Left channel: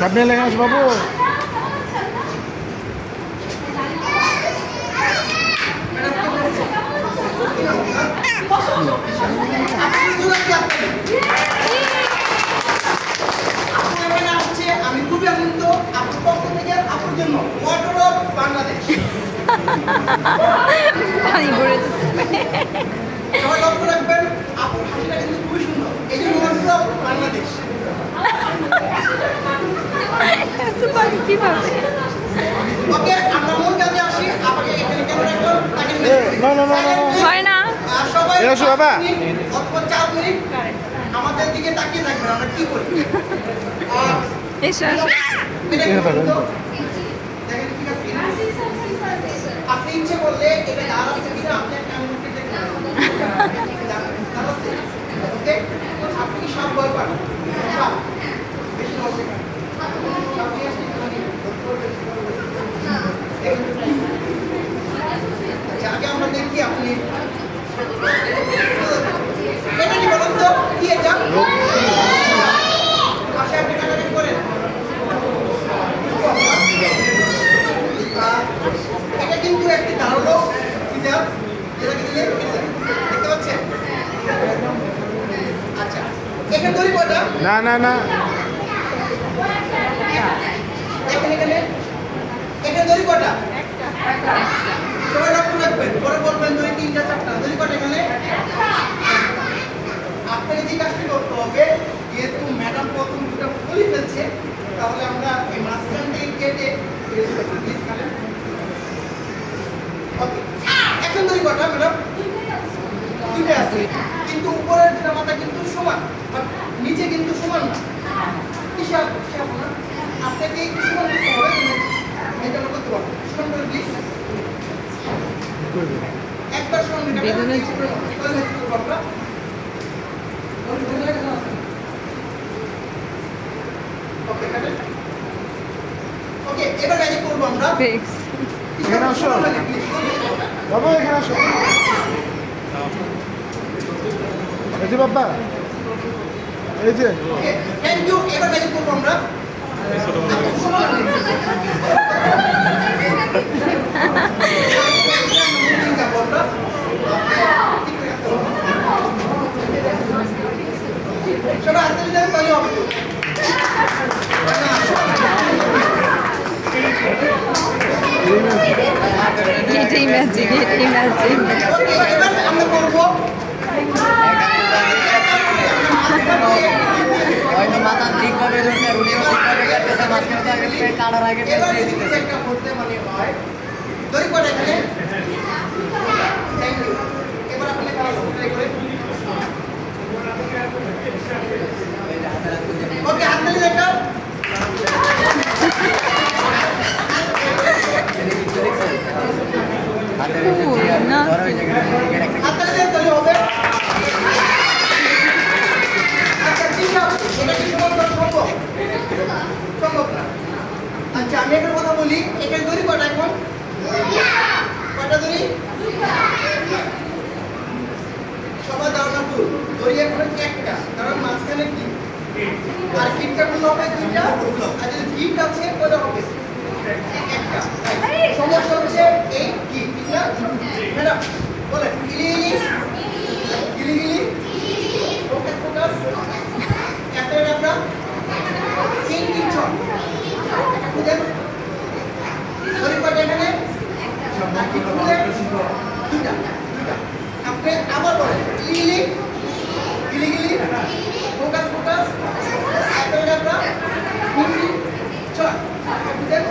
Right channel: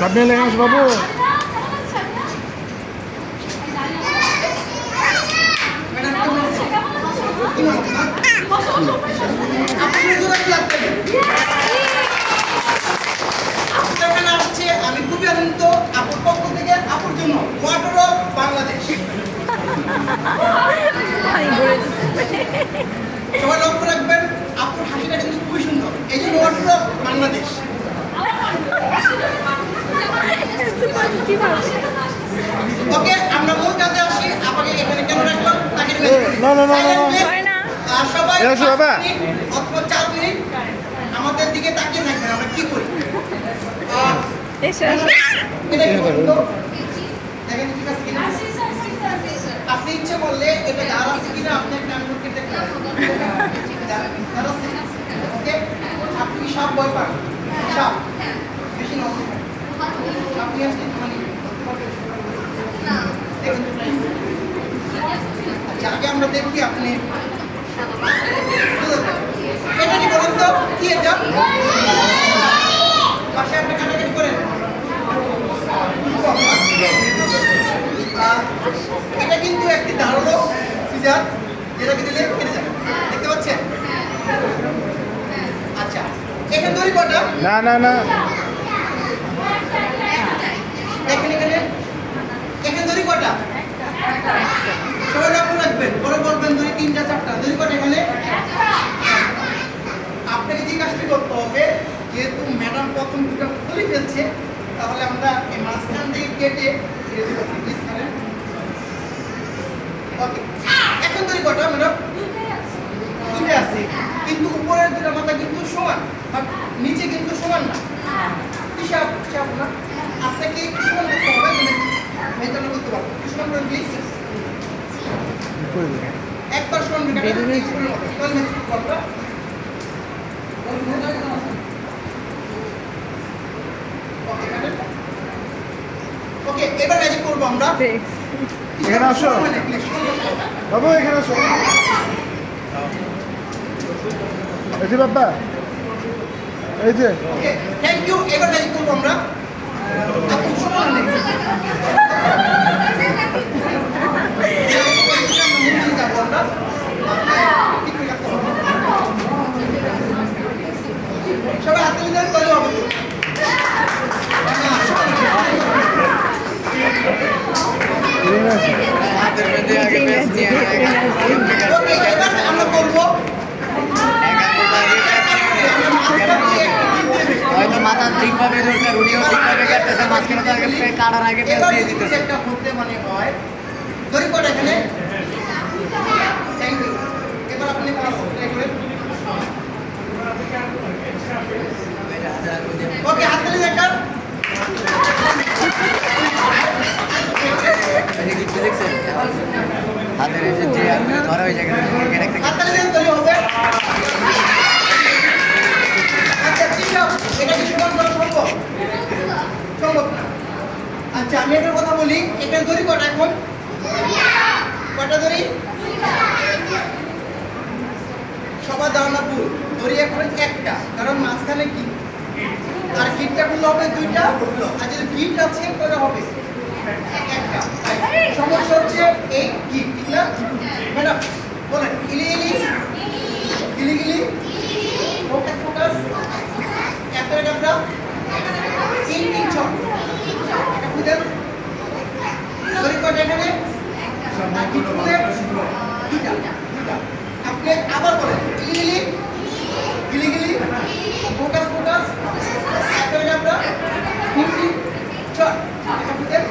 সব নিয়ে লেগে আস বাবু। আমি খুবই আনন্দিত আপুর পক্ষ থেকে আপুর জন্য ওয়াটার অফ বাংলাদেশ। সবাই লক্ষ্য রাখবেন আপুর হাসিটা কিন্তু খুবই সুন্দর, এই জন্য ওয়াটার অফ বাংলাদেশ। ওকে, আমরা মূল কাজে আসি। আপনাকে এখানে কেন রাখলাম তাকে সবাই অথবা 4 মিনিট আমাদের দিকে তাকিয়ে থাকবেন, আমরা কি করি। আপনি ইচ্ছে করলে এটা আর আছে কিনা আপনি একটা আঙুল কেটে ওকে। আপনি কি সব ভয় পান? সব বেশি আচ্ছা, আগে আমরা দেখি আপনি এটা কি বলেন তো, কি এটা পাশে আপনি কাটাকাটি করেন। এটা কিন্তু একটি ধারালো সিজার, যেটাকে দিলে কেটে যাবে, দেখতে পাচ্ছেন? আচ্ছা, এখানে দড়ি কটা? না না না, এখানে এখানে এখানে দড়ি কটা? সবাই লক্ষ্য রাখবেন, পরে বলবেন দড়ি 3টা 4টা। দড়ি কটা এখানে? আপনাকে যে কাজটি করতে হবে, যেহেতু ম্যাডাম প্রথম দুটো খুলে ফেলছে, তাহলে আমরা এই মাঝখান থেকে কেটে ওকে। এখন দড়ি কটা ম্যাডাম? 2টা আছে, কিন্তু উপরের দুটো মাথা কিন্তু সমান, আর নিচে কিন্তু সমান না। হিসাব না, আপনাকে একটু সমান করতে হবে, মেয়েটা আমরা করতে পারবো। সমান করেন প্লিজ, একবার সমান ওকে। এবার ম্যাজিক করবো আমরা। এখানে আসো বাবু, এখানে আসো। এই যে বাবা, এই যে থ্যাংক ইউ। এবার ম্যাজিক করবো আমরা। সবাই হাতে দিলে তাহলে হবে তো। ওকে, এবার আমরা করবো মাথা ঠিকভাবে কাটার আগে একটা করতে মানে হয়। দড়ি কটা এখানে? Thank you. এবার আপনি ট্রাই করেন। ওকে, হাত তালি দেখা। হাতে তালি হবে। আচ্ছা, ঠিক আছে, এটা কি সমান করা সম্ভব? সম্ভব না। আচ্ছা, আমি একটা কথা বলি, এখানে দড়ি কটা এখন? কটা দড়ি? সবার ধারণা ভুল। দড়ি এখন একটা, কারণ মাঝখানে কি আর গিটটা করলে হবে 2টা, আর যদি গিট আছে কয়টা হবে? একটা। সমস্যা হচ্ছে এই গিট না ম্যাডাম, বলেন গিলি গিলি গিলি ফোকাস ফোকাস একটা একটা 3 ছট একটা খুঁজেন। দড়ি কটা এখানে? দুটা। আপনি আবার বলেন গিলি গিলি গিলি ফোকাস ফোকাস একটা একটা 3 ছট একটা খুঁজেন।